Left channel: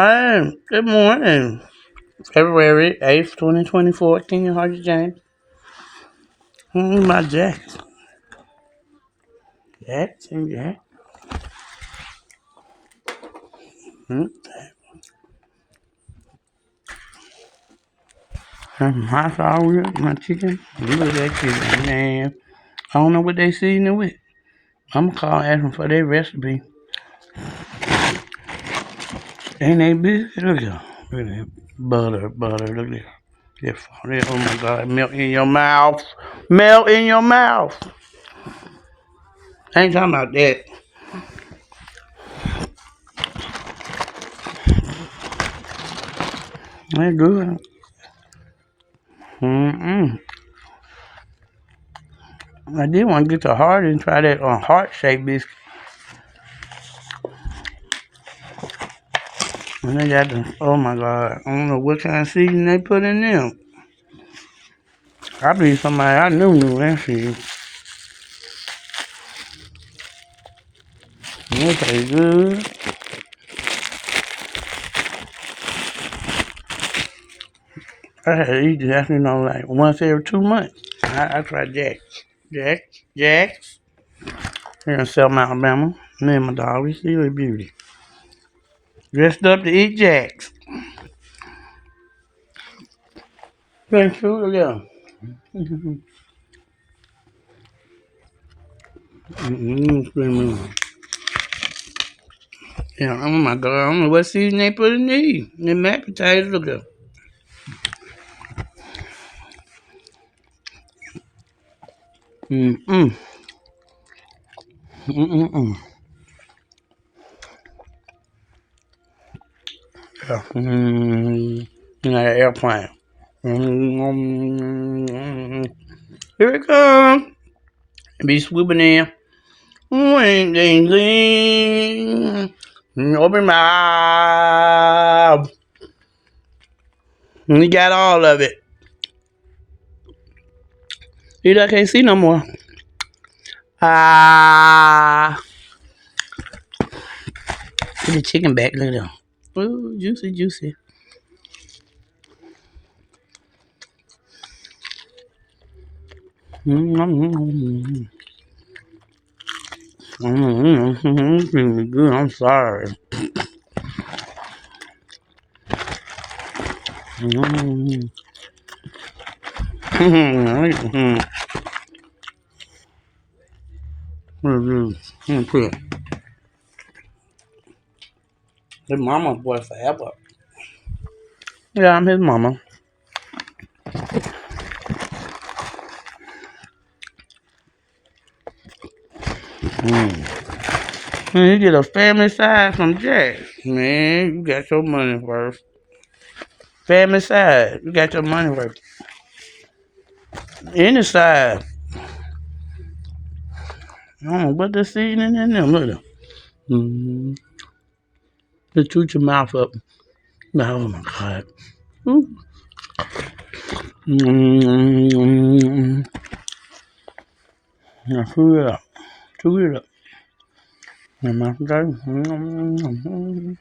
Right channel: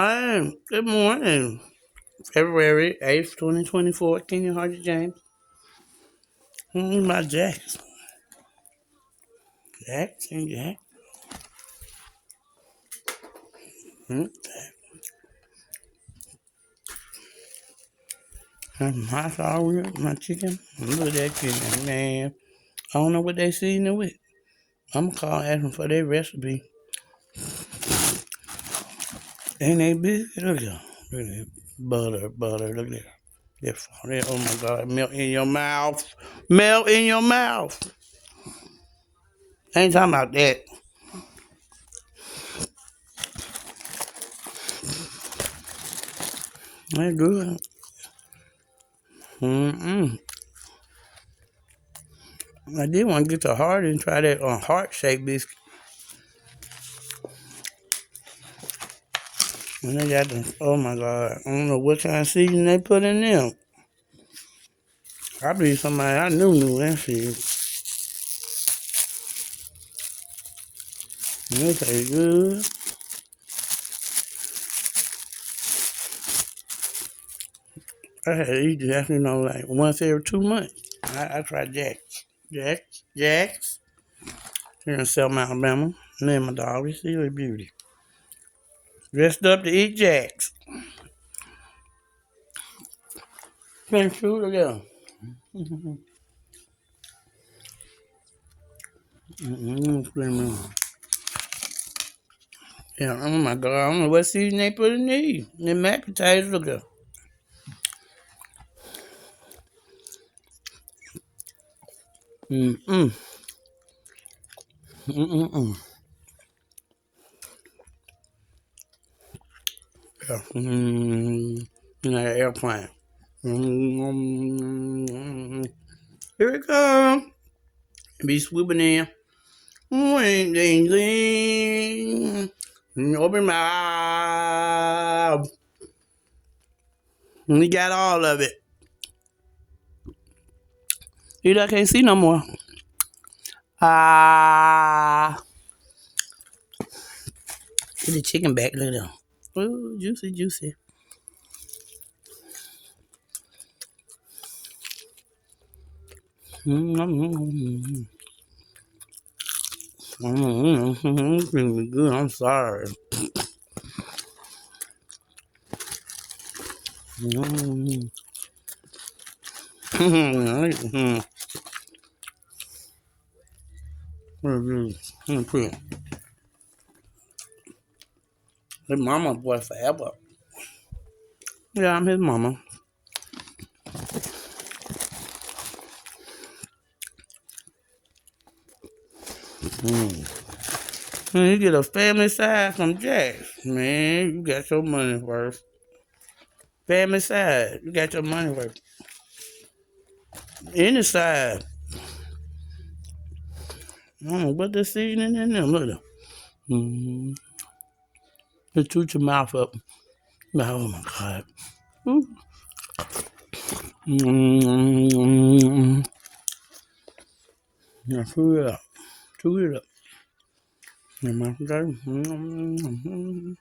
Hi, good morning. February 8th, 2024. King Hardy James. My Jacks. Jacks and Jack. Hmm. My sauce with my chicken. Look at that chicken, man. I don't know what they seasoning with. I'm gonna call ask them for their recipe. Ain't they biscuit? Look at that. Look at that. Butter. Look at that. Oh my God. Melt in your mouth. Melt in your mouth. I ain't talking about that. That's good. Mm-mm. I did want to get to heart and try that heart shaped biscuit. And they got the, oh my God, I don't know what kind of seasoning they put in them. I believe somebody I knew that shit. They taste good. I had to eat this, like once every 2 months. I tried Jack's. Here in Selma, Alabama. Me and my dog, we see a beauty. Dressed up to eat Jack's. Thanks, sure, yeah. Yeah, oh my God, I don't know what season they put in these. The mashed potatoes, look at. Mm-mm. Mm-mm. Yeah. Like an airplane. Mm. Here it comes. Be swooping in. Ding, ding, ding. Open my mouth. And you got all of it. See, I can't see no more. Ah. Put the chicken back. Look at that. Oh, juicy. Mm-hmm. Mm-hmm. Good. I'm sorry. Mm-hmm. Mm-hmm. Mm-hmm. His mama boy forever. Yeah, I'm his mama. And you get a family size from Jack. Man, you got your money worth. Family size, you got your money worth. Any size. I don't know what the seasoning in them. Look at them. Mm-hmm. Just toot your mouth up. Oh my God. Ooh. Mm-hmm. Now chew it up. Chew it up. And my God. Mm-hmm.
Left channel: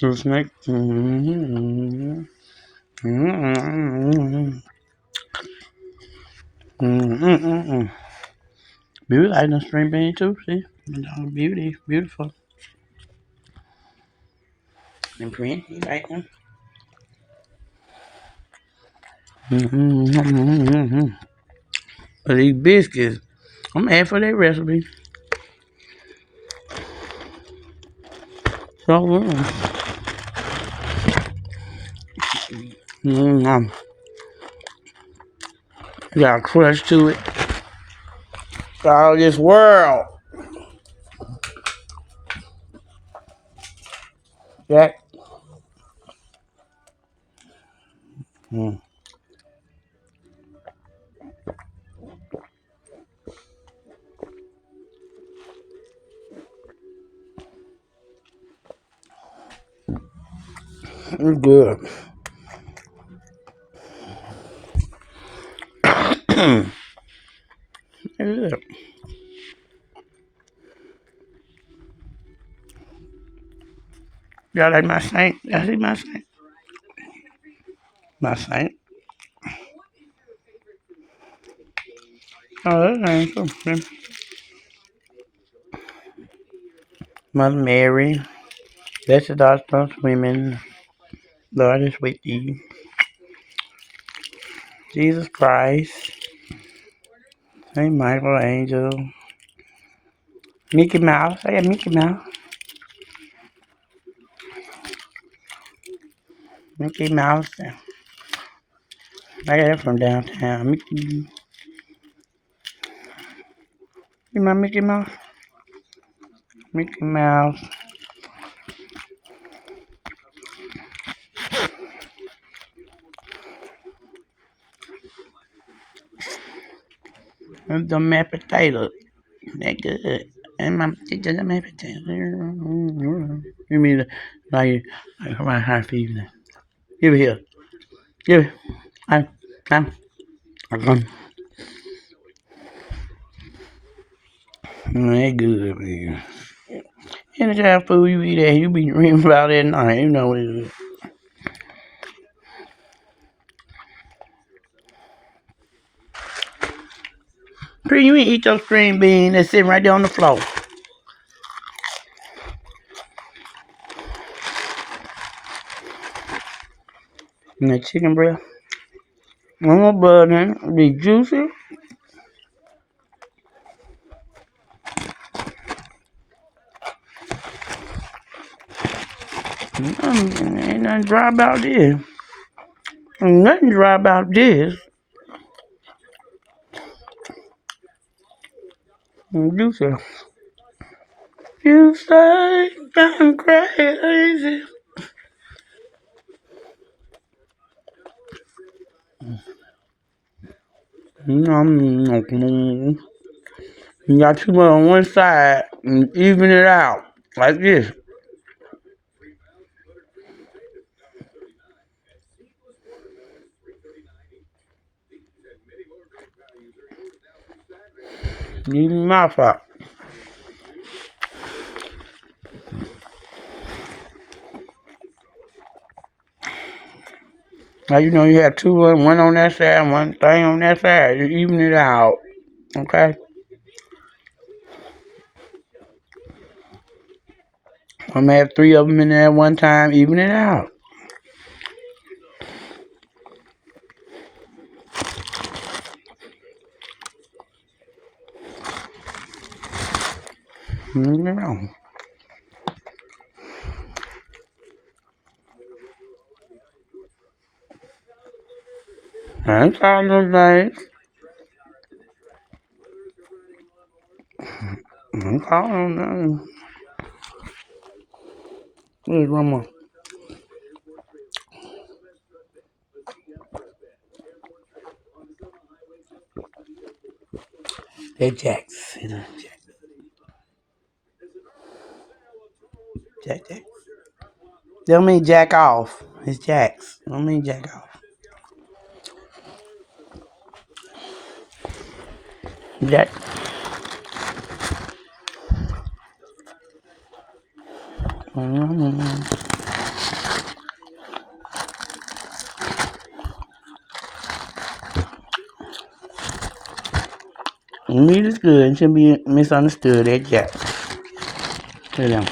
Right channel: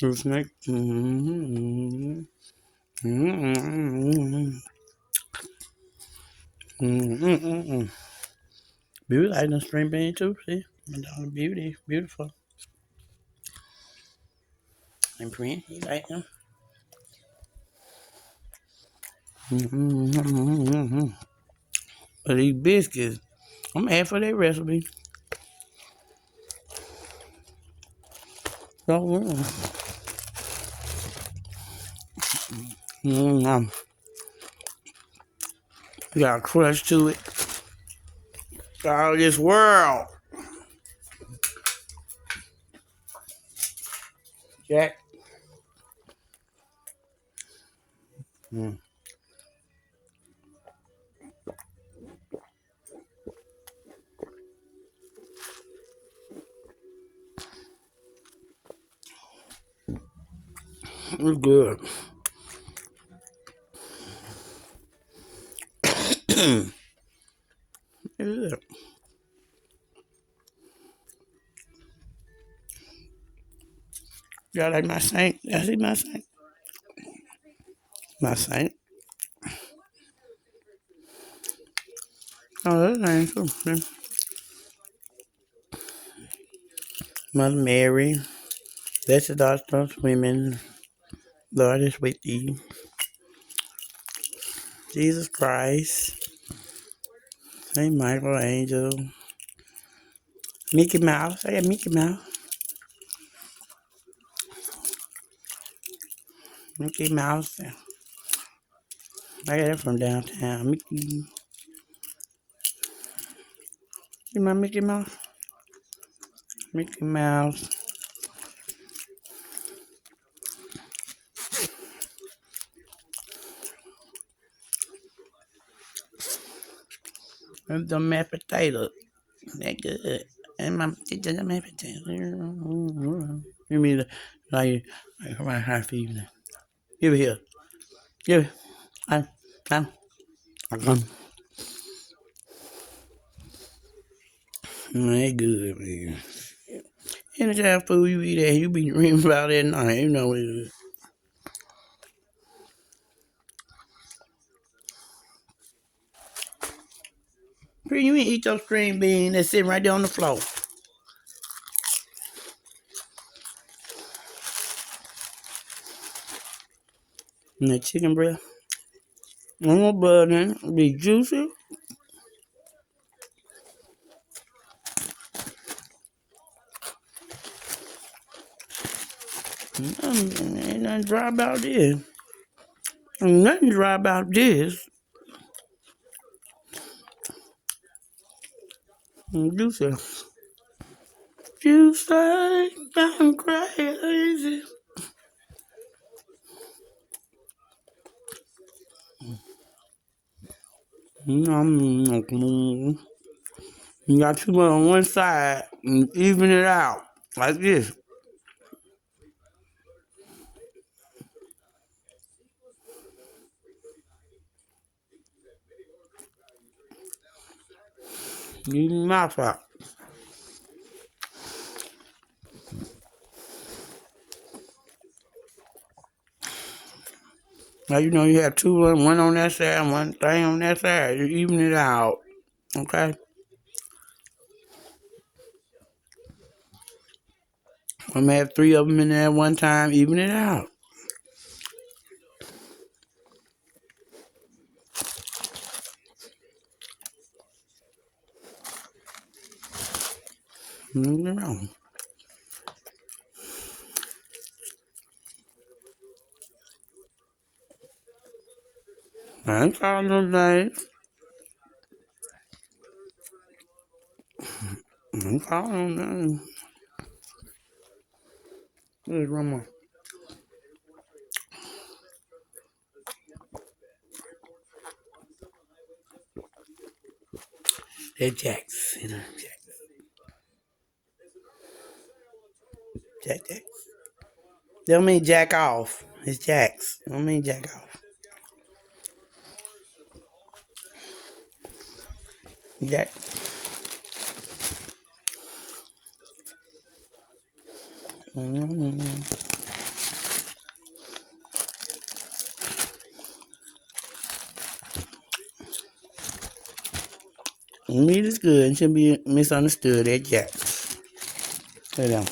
The snake. Mm-hmm. Mm-hmm. Mm-hmm. Beauty like the string bean too, see? Beautiful. And pretty, you like them? Mm-hmm. But these biscuits, I'm mad for that recipe. So good. Mm-hmm. You got a crunch to it. All this world. Jack. Mm. It's good. Yeah. Y'all like my saint? Y'all see my saint? My saint. Oh, that ain't cool. Mother Mary, blessed art thou women, Lord is with thee. Jesus Christ, Saint Michael Angel, Mickey Mouse. I got Mickey Mouse. Mickey Mouse. I got it from downtown. Mickey. See my Mickey Mouse? Mickey Mouse. And the mashed potato. That good. And my the mashed potato. You mean like my high fever? Give it here. Give it. I'm. That good, man. Any kind of food you eat that, you be dreaming about that night. You know it. Pretty, you ain't eat those green beans that's sitting right there on the floor. And that chicken breast. No more butter. Be juicy. Ain't nothing dry about this. Ain't nothing dry about this. Juicy. You say I'm crazy. You got too much on one side and even it out like this. Even your mouth out. Now you know you have two, one on that side, one thing on that side. You even it out, okay? I'm gonna have three of them in there at one time, even it out. Even it out. I ain't calling those things. I ain't calling them names. Here's one more. They're jacks. You know, Jack. They don't mean jack off. It's jacks. Don't mean jack off. Jack. Mm-hmm. Meat is good. It shouldn't be misunderstood. They're jacks. You know.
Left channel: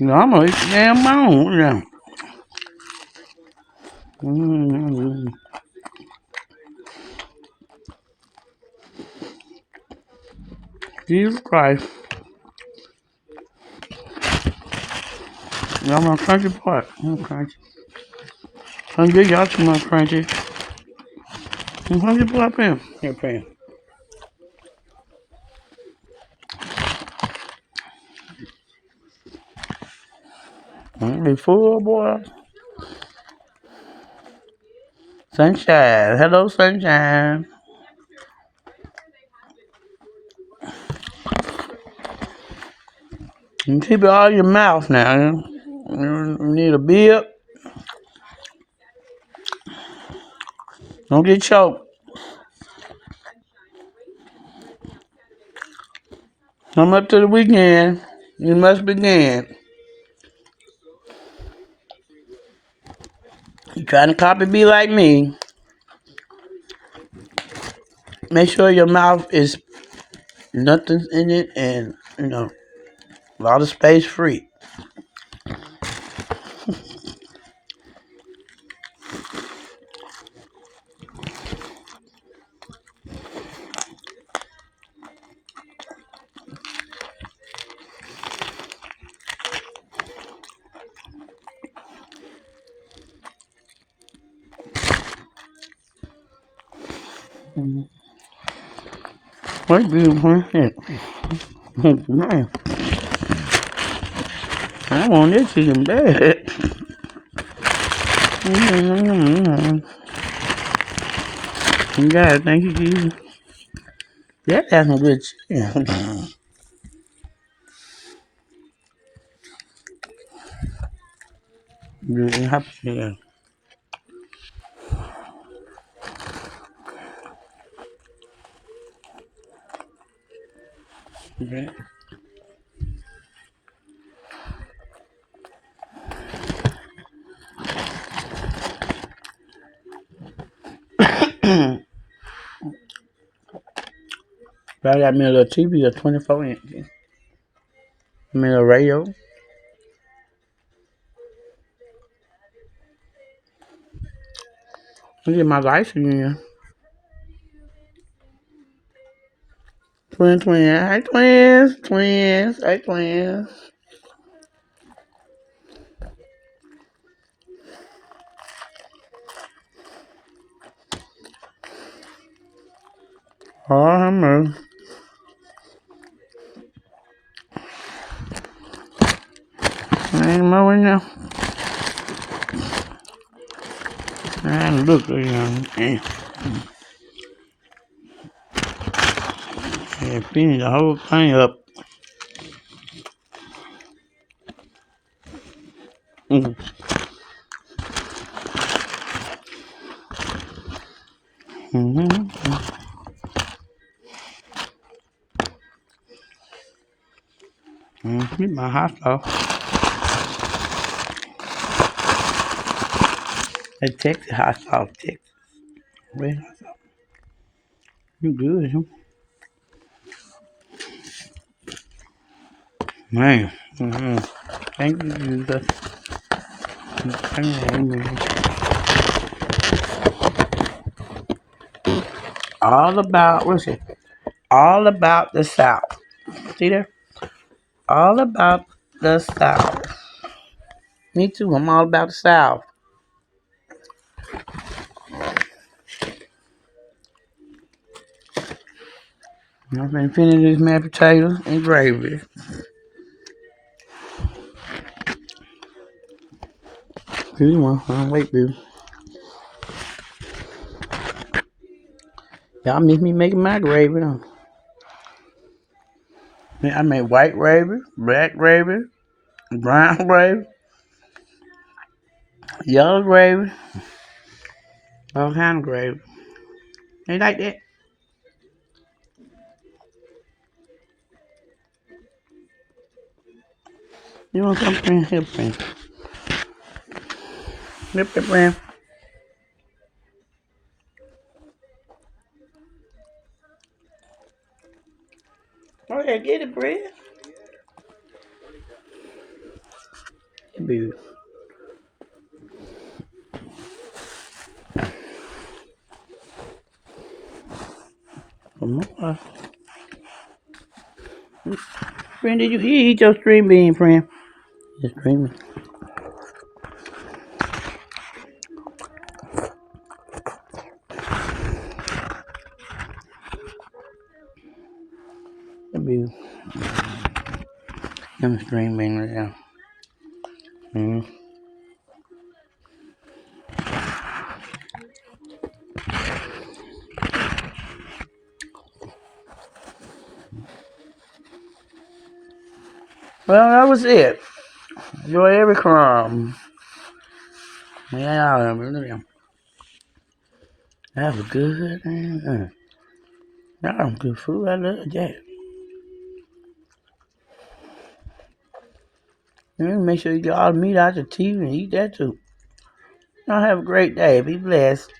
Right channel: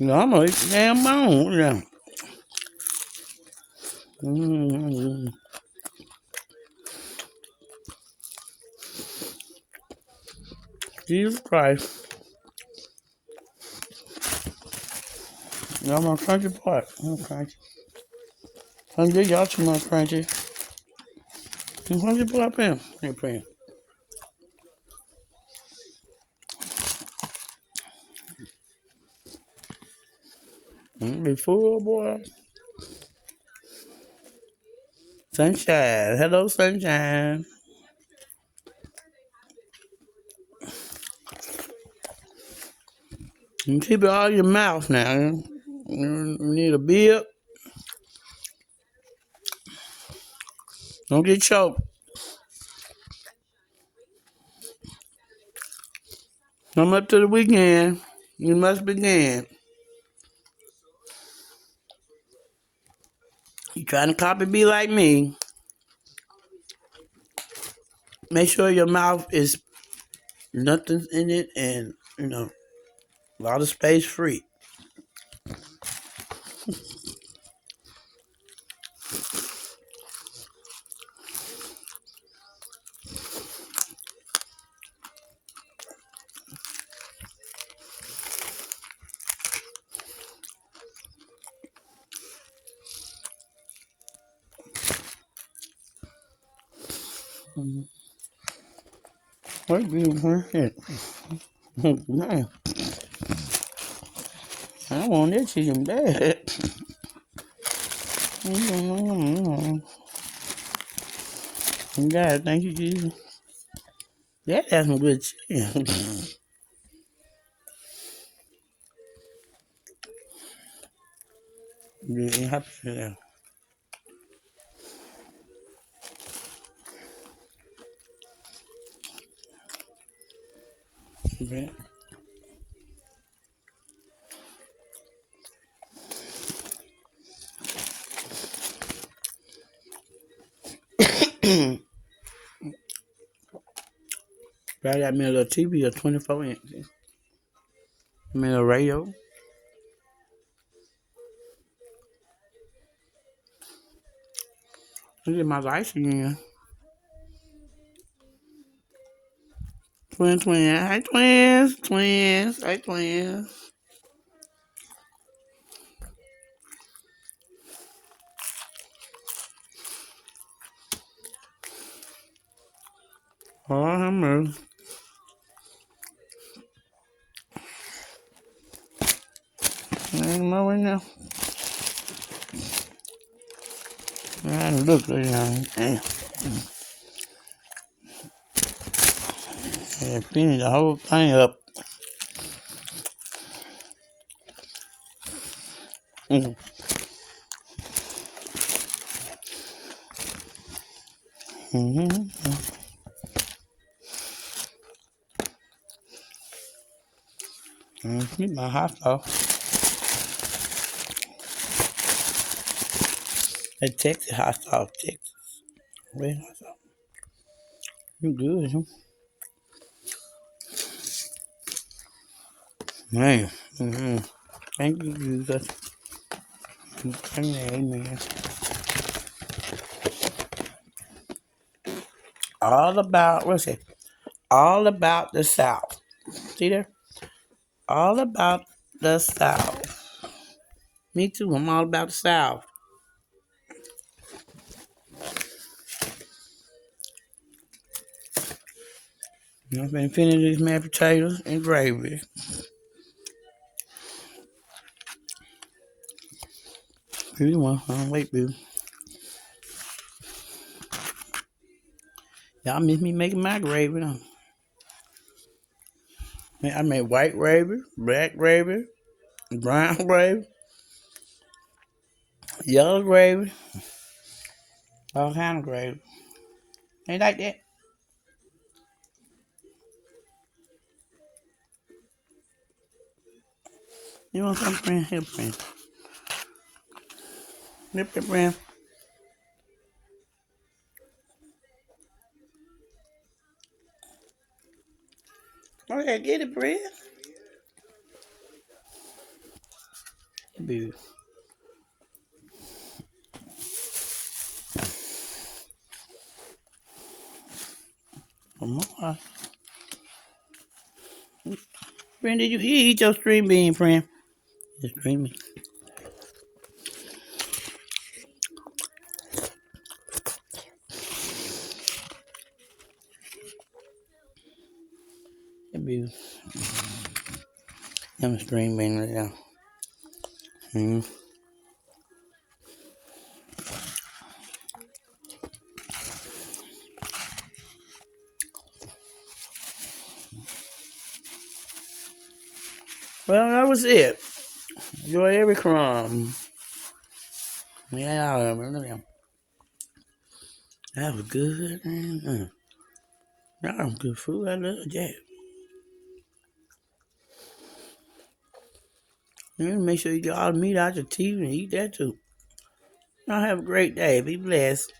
No, I'm gonna eat the damn bone. You know. Mm-hmm. Jesus Christ. Y'all my crunchy part. I'm crunchy. I'm good. Y'all too much crunchy. I'm crunchy part, Pam. Hey, Pam. Be full, boy. Sunshine. Hello, sunshine. You keep it all in your mouth now. You need a bib. Don't get choked. Come up to the weekend. You must begin. You trying to copy me like me? Make sure your mouth is nothing in it, and a lot of space free. What do you want? Man, I want this chicken bad. God, thank you, Jesus. That has some good chicken. Really happy. Okay. I got me a little TV, a 24 inch. I mean a radio. Look at my lights again. Twins. Hey, twins. Hey, twins. Oh, I'm mercy. Ain't more now. I look at y'all. Damn. Yeah, finish the whole thing up. Mm-hmm. My hot sauce. They Texas hot sauce, Texas. Red hot sauce. You good, huh? Man. Mm-hmm. Thank you, Jesus. Amen. All about, what's it? All about the South. See there? All about the South. Me too. I'm all about the South. I've been finishing these mashed potatoes and gravy. Here you want? Wait, baby. Y'all miss me making my gravy, though. I made white gravy, black gravy, brown gravy, yellow gravy, all kind of gravy. Ain't like that? You want something? Here, friend. Here, friend. Oh, yeah, get it, friend. Baby. One more. Friend, did you eat your string bean, friend? Just dreaming. Baby. I'm a string bean right now. Mm-hmm. Well, that was it. Enjoy every crumb. Yeah, look at him. That was good. That was good food. I love that. And make sure you get all the meat out the teeth and eat that too. Y'all have a great day. Be blessed.